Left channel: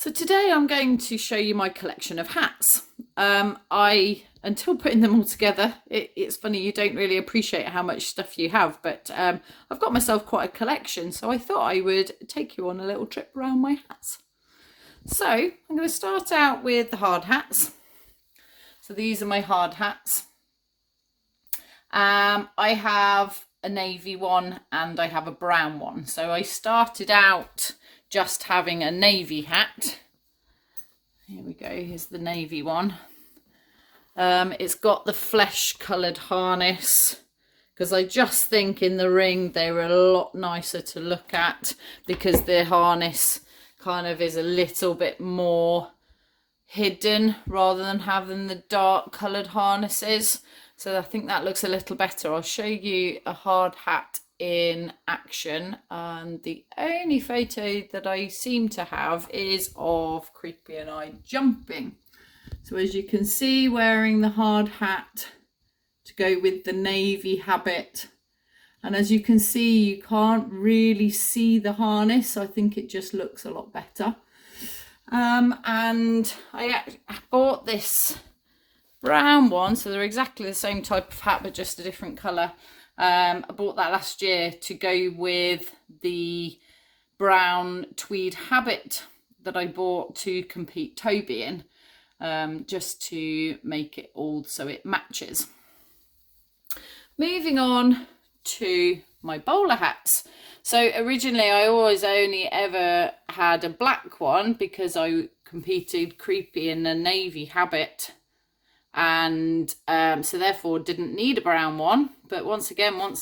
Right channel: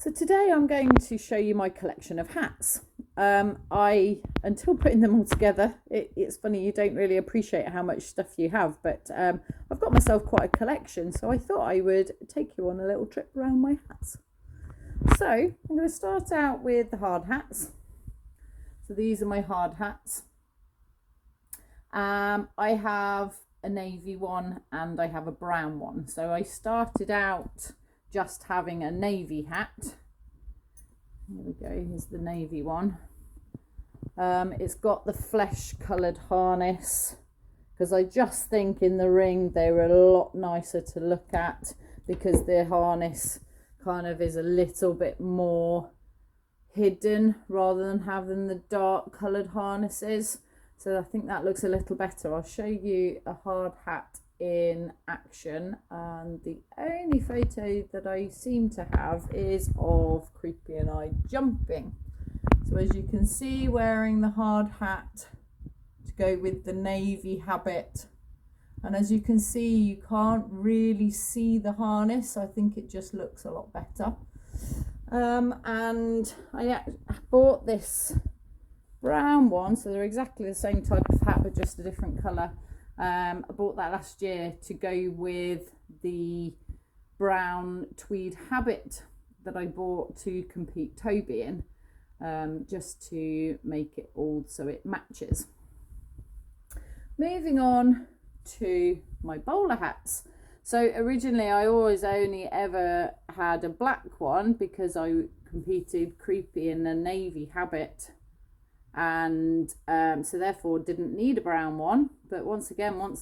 So today I'm going to show you my collection of hats. Until putting them all together, it's funny, you don't really appreciate how much stuff you have, but I've got myself quite a collection, so I thought I would take you on a little trip around my hats. So I'm going to start out with the hard hats. So these are my hard hats. I have a navy one and I have a brown one. So I started out just having a navy hat. Here we go, here's the navy one. It's got the flesh coloured harness because I just think in the ring they were a lot nicer to look at because the harness kind of is a little bit more hidden rather than having the dark coloured harnesses. So I think that looks a little better. I'll show you a hard hat in action, and the only photo that I seem to have is of Creepy and I jumping. So as you can see, wearing the hard hat to go with the navy habit, and as you can see you can't really see the harness, so I think it just looks a lot better. And I bought this brown one, so they're exactly the same type of hat but just a different colour. I bought that last year to go with the brown tweed habit that I bought to compete Toby in, just to make it all so it matches. Moving on to my bowler hats. So originally I always only ever had a black one because I competed Creepy in a navy habit, and so therefore didn't need a brown one. But once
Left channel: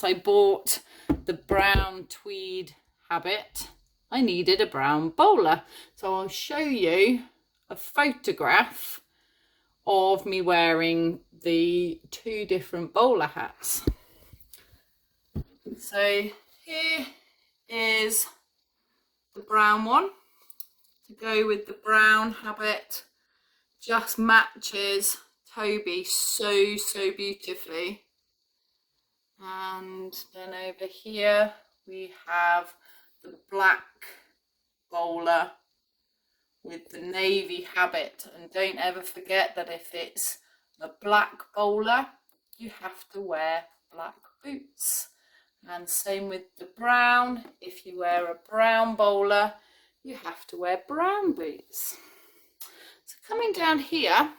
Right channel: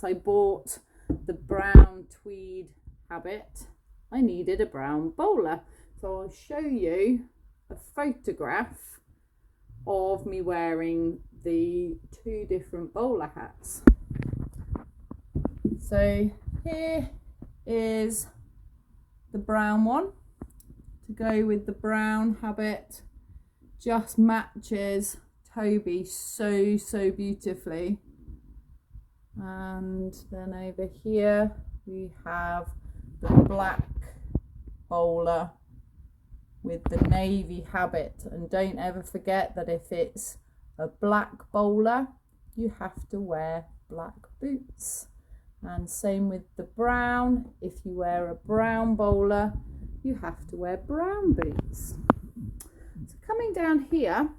I bought the brown tweed habit, I needed a brown bowler. So I'll show you a photograph of me wearing the two different bowler hats. So here is the brown one to go with the brown habit, just matches Toby so beautifully. And then over here we have the black bowler with the navy habit, and don't ever forget that if it's a black bowler you have to wear black boots, and same with the brown. If you wear a brown bowler you have to wear brown boots. So coming down here,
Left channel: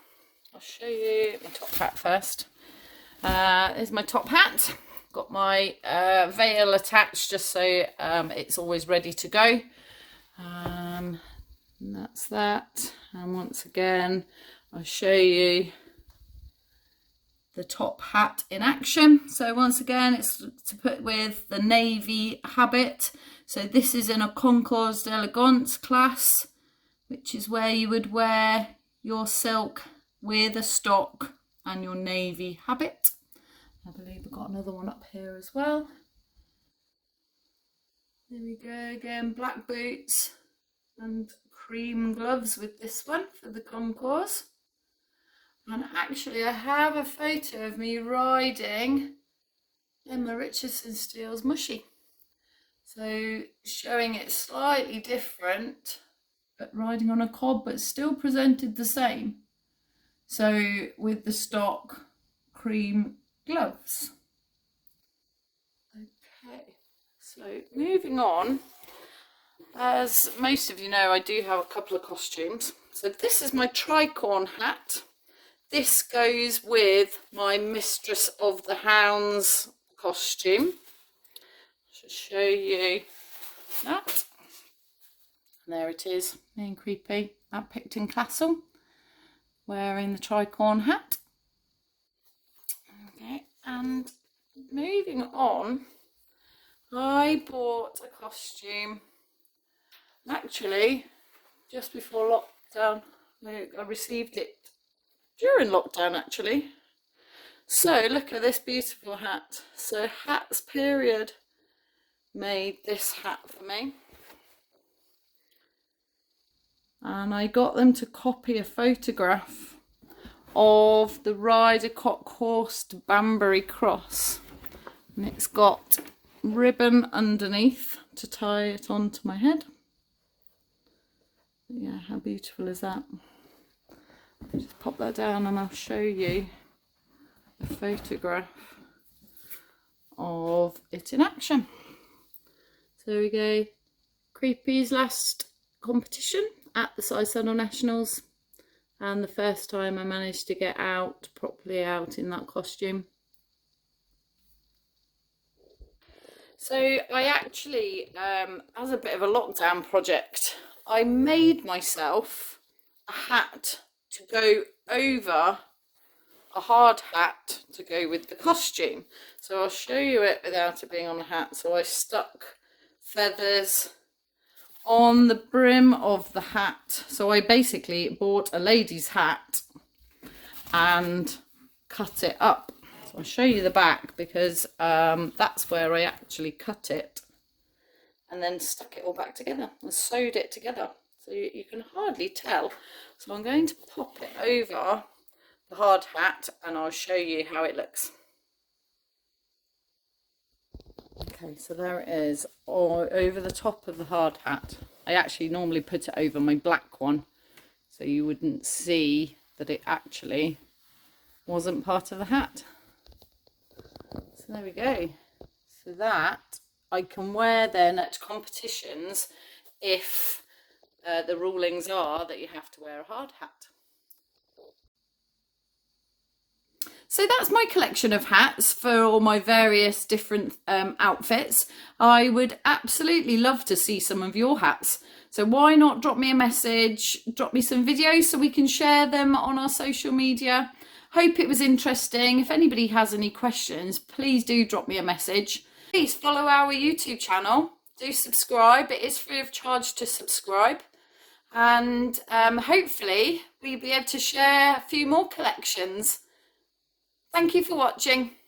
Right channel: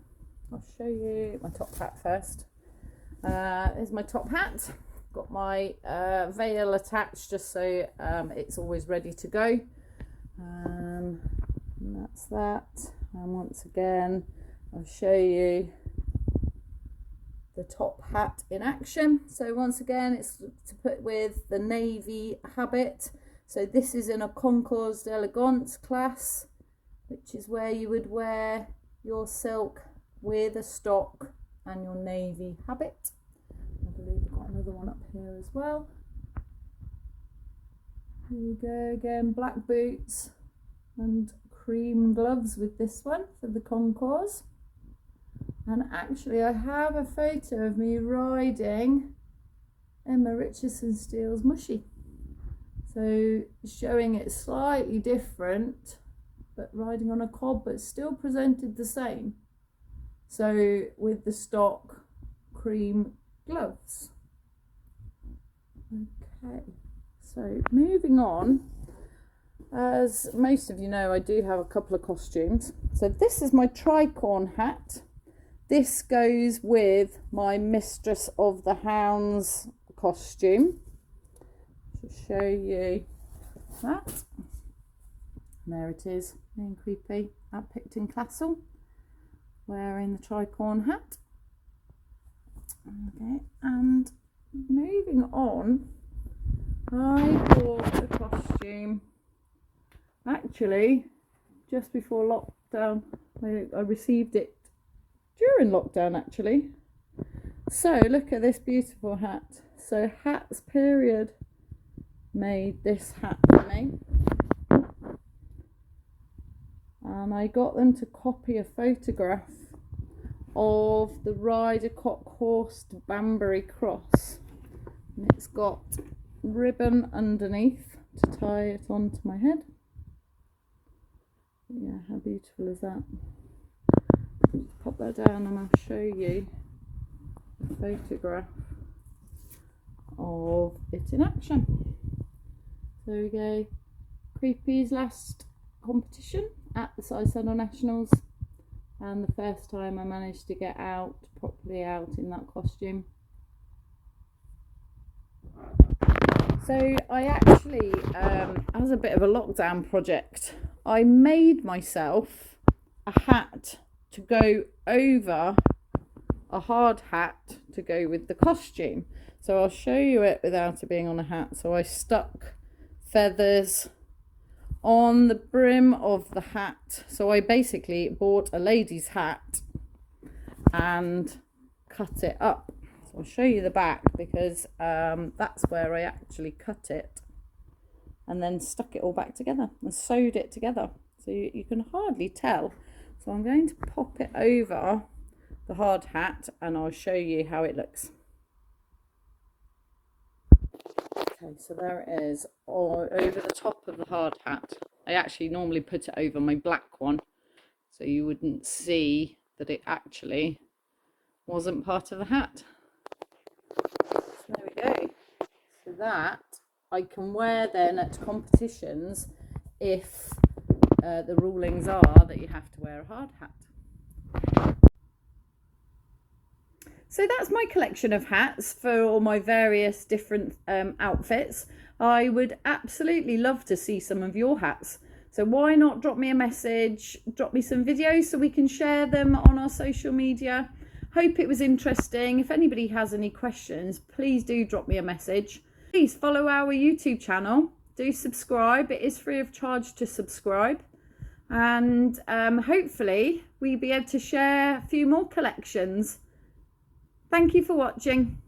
I'll show you my top hat first. Here's my top hat. Got my veil attached just so it's always ready to go. And that's that. And once again, I'll show you the top hat in action. So once again, it's to put with the navy habit. So this is in a Concours d'Elegance class, which is where you would wear your silk with a stock and your navy habit. I believe I've got another one up here as well. There we go again, black boots and cream gloves with this one for the Concours. And actually I have a photo of me riding Emma Richardson Steele's Mushy. So showing it slightly different, but riding on a cob, but still presented the same. So with the stock cream gloves. Okay, so moving on, as most of you know, I do have a couple of costumes. So this is my tricorn hat. This goes with my Mistress of the Hounds costume. I should show you that. And there it is, me and Creepy at Picton Castle, wearing the tricorn hat. Okay, and moving on, I bought a costume actually just before lockdown. I received it during lockdown actually. So look at this beautiful hat. So Hats Period made this hat for me, and I got them to copy a photograph of the Ryder Cockhorse Banbury Cross, and it's got ribbon underneath to tie it onto my head, Yeah, how beautiful is that? Just pop that down and I'll show you a photograph of it in action. So there we go. Creepy's last competition at the Sidesaddle Nationals, and the first time I managed to get out, properly out in that costume. So I actually, as a bit of a lockdown project, I made myself a hat to go over a hard hat to go with the costume. So I'll show you it without it being on a hat. So I stuck feathers on the brim of the hat. So I basically bought a lady's hat and cut it up. So I'll show you the back, because that's where I actually cut it and then stuck it all back together and sewed it together. So you can hardly tell. So I'm going to pop it over the hard hat and I'll show you how it looks. Okay, so there it is, over the top of the hard hat. I actually normally put it over my black one, so you wouldn't see that it actually wasn't part of the hat. So there we go. So that I can wear then at competitions if the rulings are that you have to wear a hard hat. So that's my collection of hats for all my various different outfits. I would absolutely love to see some of your hats. So why not drop me a message, drop me some videos so we can share them on our social media. Hope it was interesting. If anybody has any questions, please do drop me a message. Please follow our YouTube channel. Do subscribe. It is free of charge to subscribe. And hopefully we'll be able to share a few more collections. Thank you for watching.